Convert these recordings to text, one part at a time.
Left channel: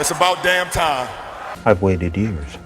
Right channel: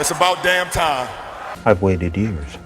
It's about damn time. I've waited years.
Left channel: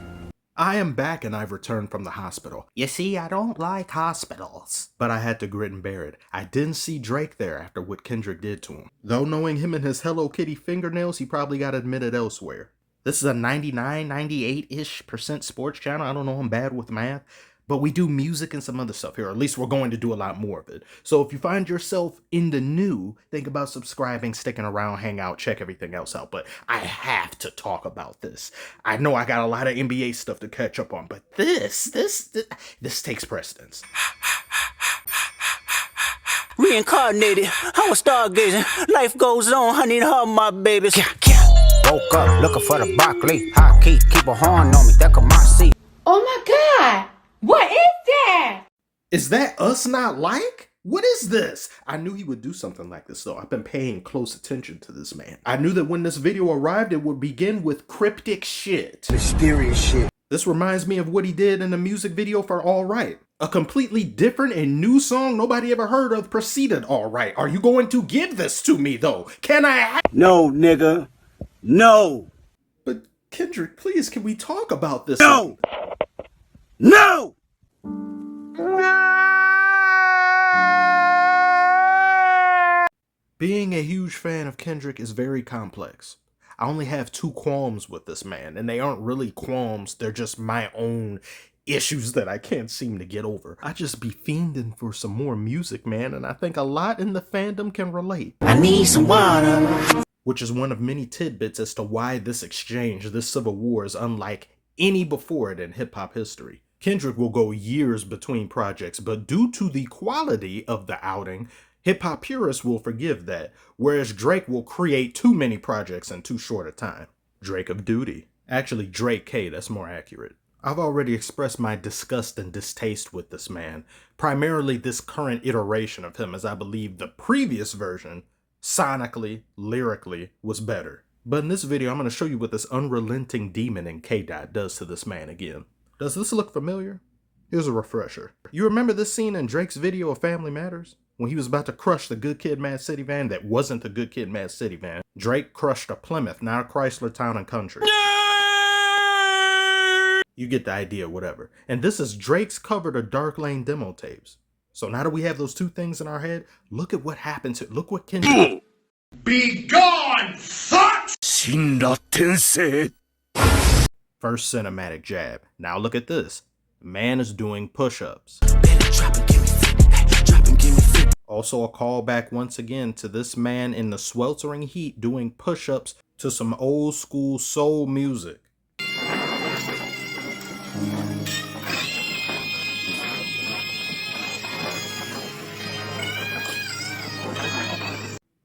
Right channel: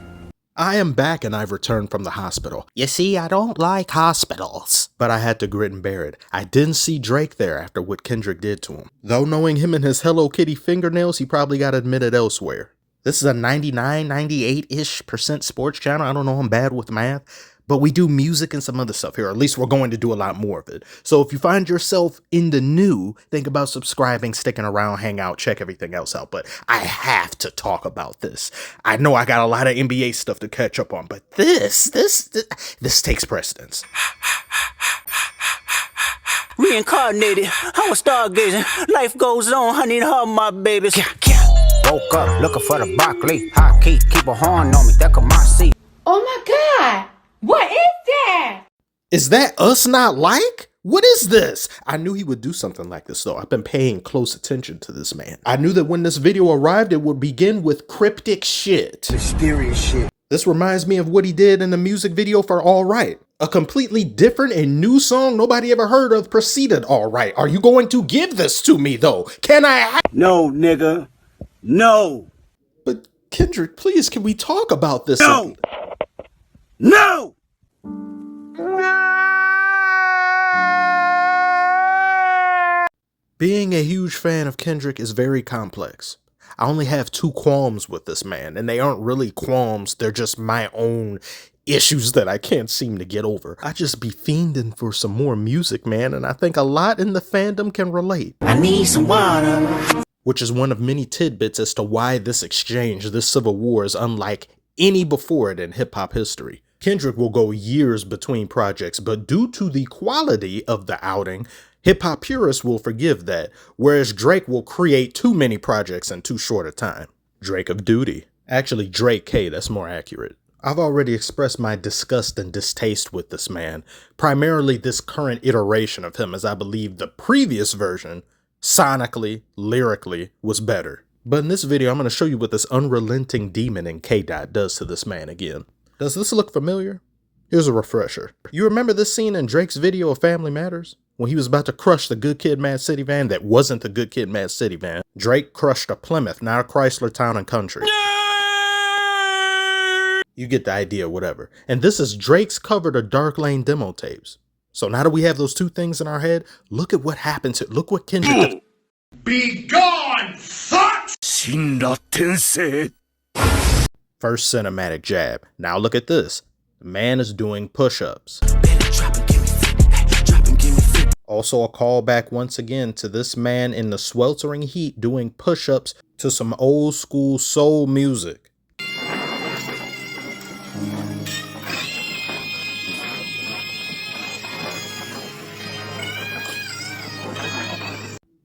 I am back and I've returned from the hospital. You see, I don't like hospitals. But I had to grit and bear it. I didn't see Drake there after what Kendrick did to him. Though knowing him and his Hello Kitty fingernails, he probably got admitted elsewhere. This is a 99, 98-ish% sports channel. I don't know, I'm bad with math. But we do music and some other stuff here, or at least we're going to do a lot more of it. So if you find yourself in the new, think about subscribing, sticking around, hang out, check everything else out. But I have to talk about this. I know I got a lot of NBA stuff to catch up on, but this takes precedence. Reincarnated, I was stargazing. Life goes on, honey, and her my babies. Woke up looking for the broccoli. High key, keep a horn on me, that could my seat. Oh my God! What is that? Is that us not like? What is this? I knew he would do something like this though. I've been paying close attention to this man. I knew that when this video arrived, it would begin with cryptic shit. Mysterious shit. This reminds me of what he did in the music video for All Right. A completely different and new song nobody ever heard of preceded All Right. Are you going to give this to me though? Can I No, nigga. No. But Kendrick, please, can we talk about this? No. No! Being a huge fan of Kendrick is very complex. I only have two qualms with this man, and they aren't really qualms, they're just my own issues that I can't seem to get over. I just be fiending for some more music, man, and I think a lot in the fandom can relate. I need some water. Which is one of many tidbits as to why this exchange, this civil war, is unlike any before it in hip-hop history. Kendrick will go years between projects, but due to the quality of the outing, hip-hop purists will forgive that, whereas Drake will create too many projects in too short a time. Drake of duty. Actually, Drake K, that's more accurate. I've already expressed my disgust and distaste with this man, primarily this current iteration of him, as I believe the previous version, sonically, lyrically, was better. But in this video, I'm going to show you what this unrelenting demon in K-Dot does to this man again. Does this look familiar? Here's a refresher. You remember this scene in Drake's video of Family Matters? When he was about to crush the Good Kid, Mad City van that wasn't the Good Kid, Mad City van. Drake crushed a Plymouth, not a Chrysler Town and Country. You get the idea, whatever. And this is Drake's cover to Dark Lane demo tapes. So now that we have those two things in our head, look at what happens here. Look what Kendrick... Be gone, sucks! First cinematic jab. Now look at this. The man is doing push-ups. Also a callback once again to this man in the sweltering heat doing push-ups to some old school soul music.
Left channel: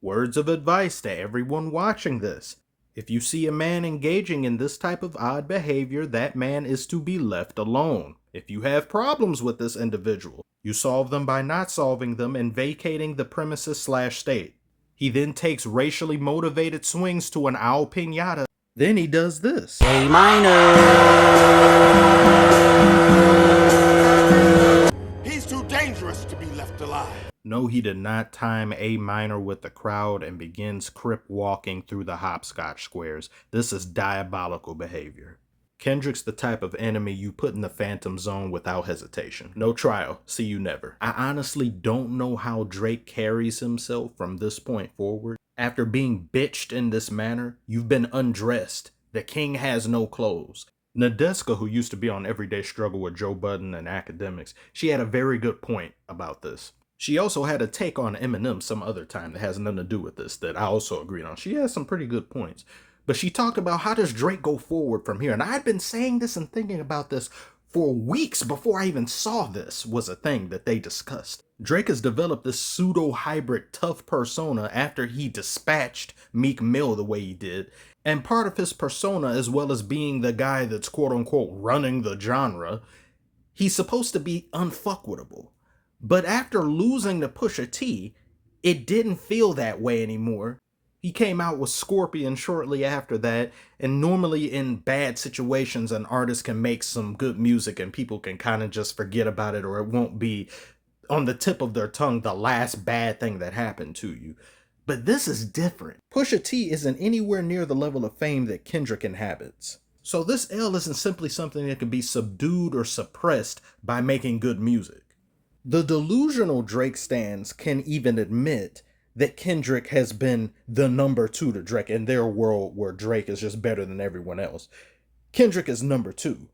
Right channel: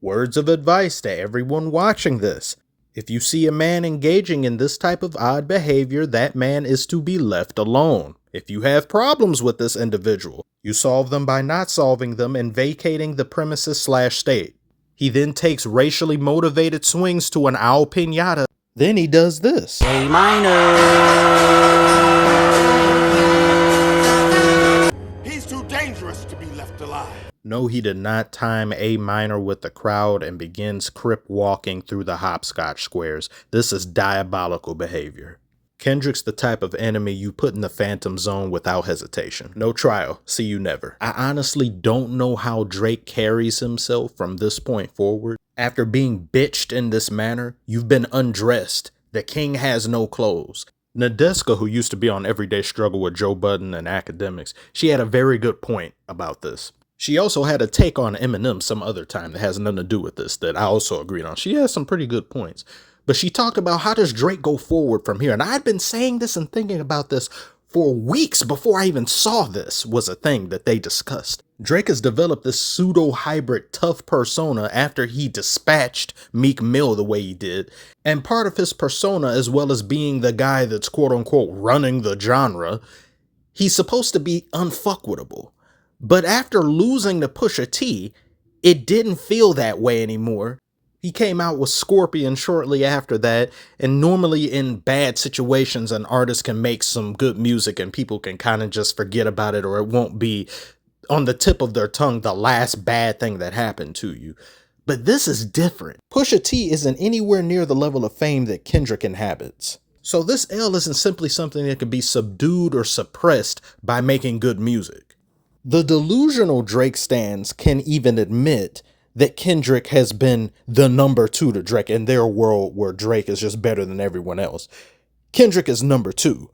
Words of advice to everyone watching this. If you see a man engaging in this type of odd behavior, that man is to be left alone. If you have problems with this individual, you solve them by not solving them and vacating the premises/state. He then takes racially motivated swings to an owl piñata. Then he does this. A minor. He's too dangerous to be left alive. No, he did not time A minor with the crowd and begins crip walking through the hopscotch squares. This is diabolical behavior. Kendrick's the type of enemy you put in the phantom zone without hesitation. No trial. See you never. I honestly don't know how Drake carries himself from this point forward. After being bitched in this manner, you've been undressed. The king has no clothes. Nadeska, who used to be on Everyday Struggle with Joe Budden and Academics, she had a very good point about this. She also had a take on Eminem some other time that has nothing to do with this that I also agreed on. She has some pretty good points. But she talked about how does Drake go forward from here? And I'd been saying this and thinking about this for weeks before I even saw this was a thing that they discussed. Drake has developed this pseudo-hybrid tough persona after he dispatched Meek Mill the way he did. And part of his persona, as well as being the guy that's quote-unquote running the genre, he's supposed to be unfuckwittable. But after losing to Pusha T, it didn't feel that way anymore. He came out with Scorpion shortly after that, and normally in bad situations, an artist can make some good music and people can kind of just forget about it, or it won't be on the tip of their tongue the last bad thing that happened to you. But this is different. Pusha T isn't anywhere near the level of fame that Kendrick inhabits. So this L isn't simply something that can be subdued or suppressed by making good music. The delusional Drake stans can even admit that Kendrick has been the number 2 to Drake in their world where Drake is just better than everyone else. Kendrick is number 2.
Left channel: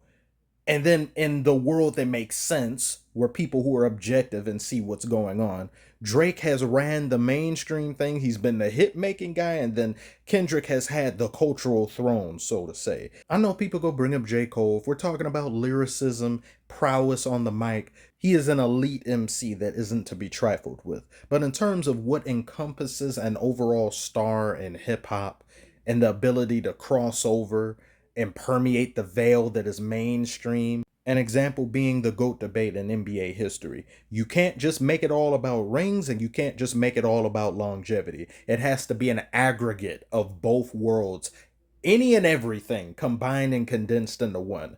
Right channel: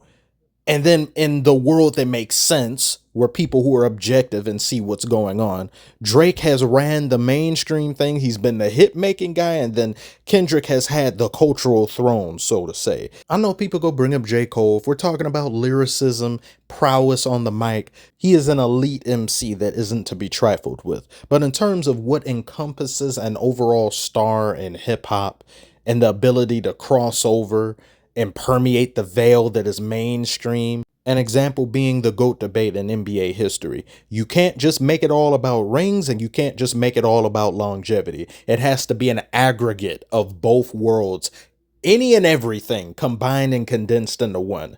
And then in the world that makes sense, where people who are objective and see what's going on, Drake has ran the mainstream thing. He's been the hit making guy. And then Kendrick has had the cultural throne, so to say. I know people go bring up J. Cole. If we're talking about lyricism, prowess on the mic, he is an elite MC that isn't to be trifled with. But in terms of what encompasses an overall star in hip hop and the ability to cross over and permeate the veil that is mainstream. An example being the GOAT debate in NBA history. You can't just make it all about rings and you can't just make it all about longevity. It has to be an aggregate of both worlds, any and everything combined and condensed into one.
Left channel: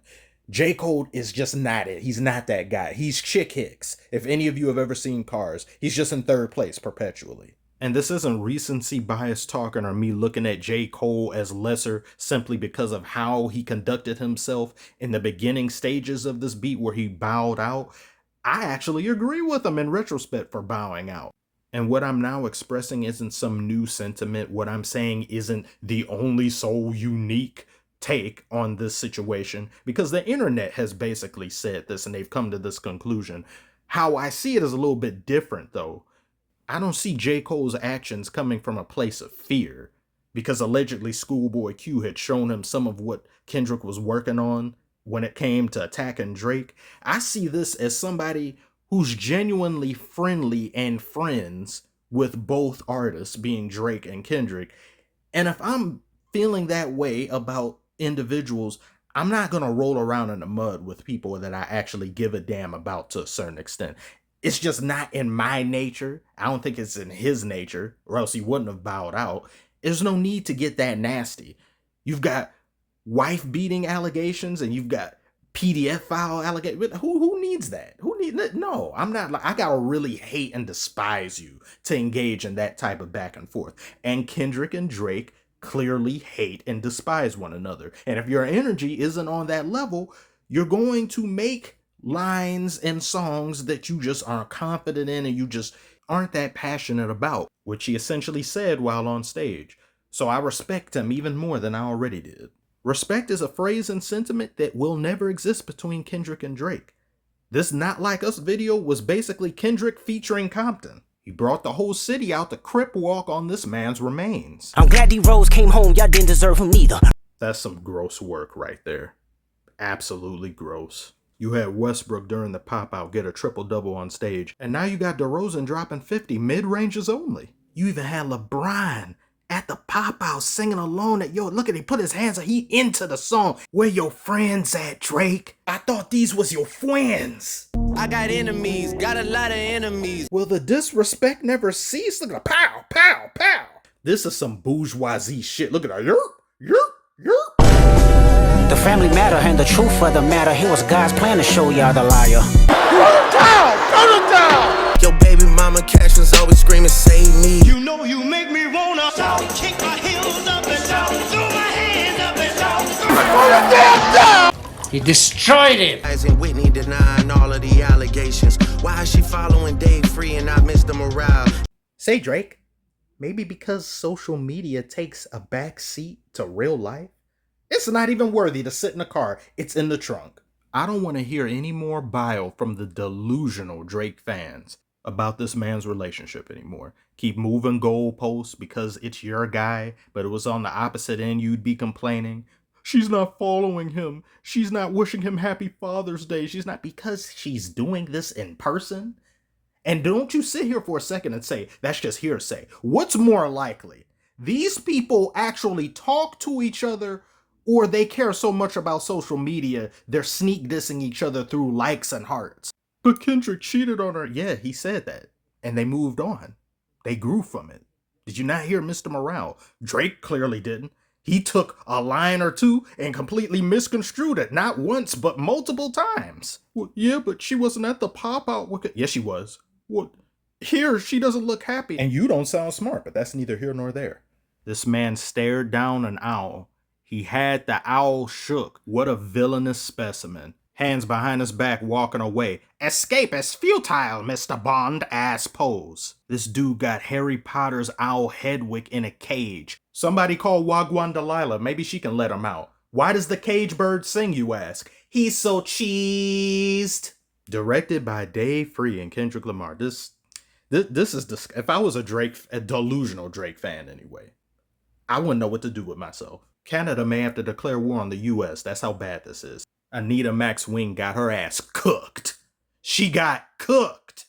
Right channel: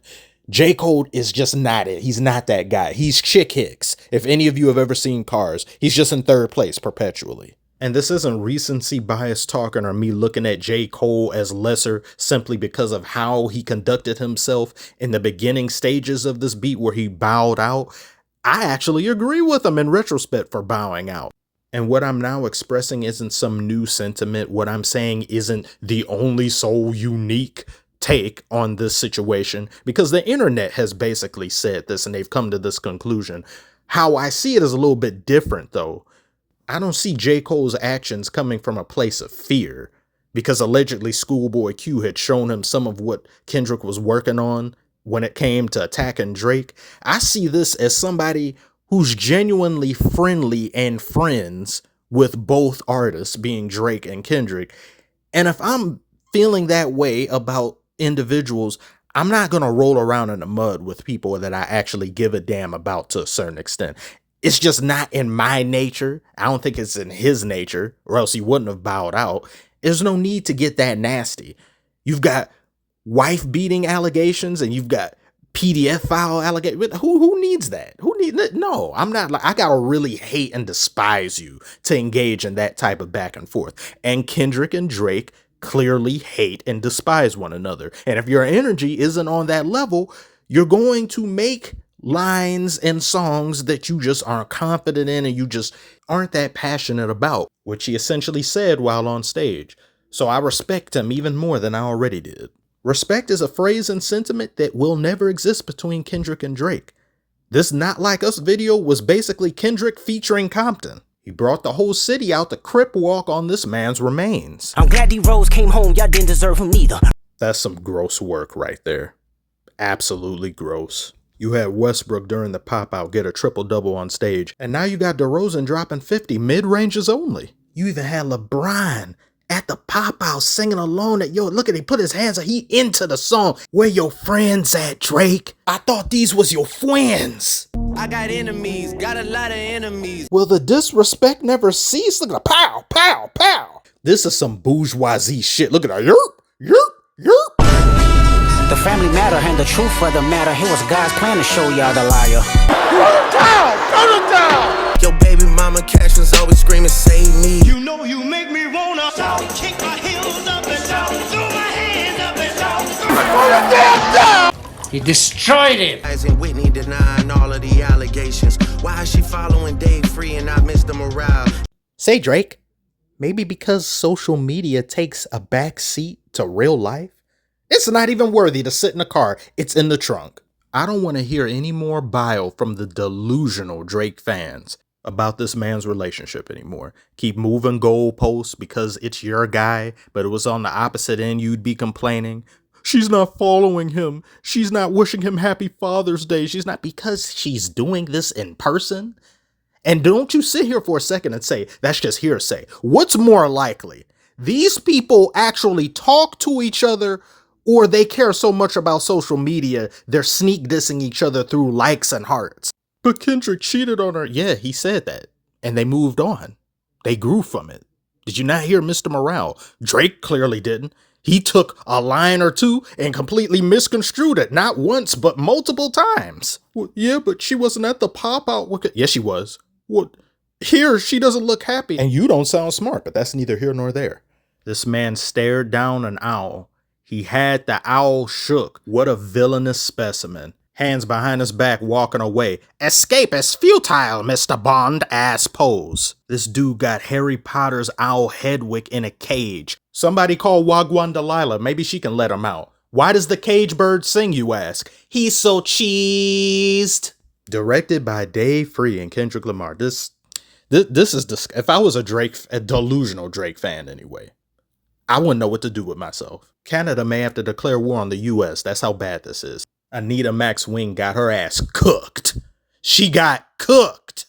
J. Cole is just not it. He's not that guy. He's Chick Hicks. If any of you have ever seen Cars, he's just in third place perpetually. And this isn't recency bias talking or me looking at J. Cole as lesser simply because of how he conducted himself in the beginning stages of this beat where he bowed out. I actually agree with him in retrospect for bowing out. And what I'm now expressing isn't some new sentiment. What I'm saying isn't the only so unique take on this situation, because the internet has basically said this and they've come to this conclusion. How I see it is a little bit different though. I don't see J. Cole's actions coming from a place of fear, because allegedly Schoolboy Q had shown him some of what Kendrick was working on when it came to attacking Drake. I see this as somebody who's genuinely friendly and friends with both artists, being Drake and Kendrick. And if I'm feeling that way about individuals, I'm not going to roll around in the mud with people that I actually give a damn about to a certain extent. It's just not in my nature. I don't think it's in his nature, or else he wouldn't have bowed out. There's no need to get that nasty. You've got wife beating allegations and you've got PDF file allegations. Who needs that? Who needs it? No, I'm not. I gotta really hate and despise you to engage in that type of back and forth. And Kendrick and Drake clearly hate and despise one another. And if your energy isn't on that level, you're going to make lines and songs that you just aren't confident in and you just aren't that passionate about, which he essentially said while on stage. So I respect him even more than I already did. Respect is a phrase and sentiment that will never exist between Kendrick and Drake. This Not Like Us video was basically Kendrick featuring Compton. He brought the whole city out to crip walk on this man's remains. I'm glad D-Rose came home, y'all didn't deserve him neither. That's some gross work right there. Absolutely gross. You had Westbrook during the pop-out get a triple-double on stage, and now you got DeRozan dropping 50 mid-ranges only. You even had LeBron at the pop-out singing alone at, look at he put his hands up, he into the song. Where your friends at, Drake? I thought these was your friends. I got enemies, got a lot of enemies. Well, the disrespect never ceased. Look at the pow, pow, pow. This is some bourgeoisie shit. Look at that, yerp, yerp, yerp. The family matter and the truth for the matter. It was God's plan to show y'all the liar. Your baby mama cash was always screaming, save me. You know you make me wanna kick my heels up and down, throw my hands up and down. He destroyed it. And Whitney denying all of the allegations. Why is she following Dave Free and not Mr. Morale? Say, Drake, maybe because social media takes a back seat to real life? It's not even worthy to sit in a car. It's in the trunk. I don't want to hear any more bile from the delusional Drake fans about this man's relationship anymore. Keep moving goalposts because it's your guy, but it was on the opposite end you'd be complaining. She's not following him. She's not wishing him happy Father's Day. She's not, because she's doing this in person. And don't you sit here for a second and say, that's just hearsay. What's more likely? These people actually talk to each other, or they care so much about social media, they're sneak dissing each other through likes and hearts. But Kendrick cheated on her. Yeah, he said that. And they moved on. They grew from it. Did you not hear Mr. Morale? Drake clearly didn't. He took a line or two and completely misconstrued it. Not once, but multiple times. Well, yeah, but she wasn't at the pop-out. Yes, she was. What? Here, she doesn't look happy, and you don't sound smart, but that's neither here nor there. This man stared down an owl. He had the owl shook. What a villainous specimen. Hands behind his back, walking away. Escape is futile, Mr. Bond, ass pose. This dude got Harry Potter's owl Hedwig in a cage. Somebody call Wagwan Delilah. Maybe she can let him out. Why does the cage bird sing, you ask? He's so cheesed. Directed by Dave Free and Kendrick Lamar. This is if I was a delusional Drake fan anyway, I wouldn't know what to do with myself. Canada may have to declare war on the U.S. That's how bad this is. Anita Max Wing got her ass cooked. She got cooked.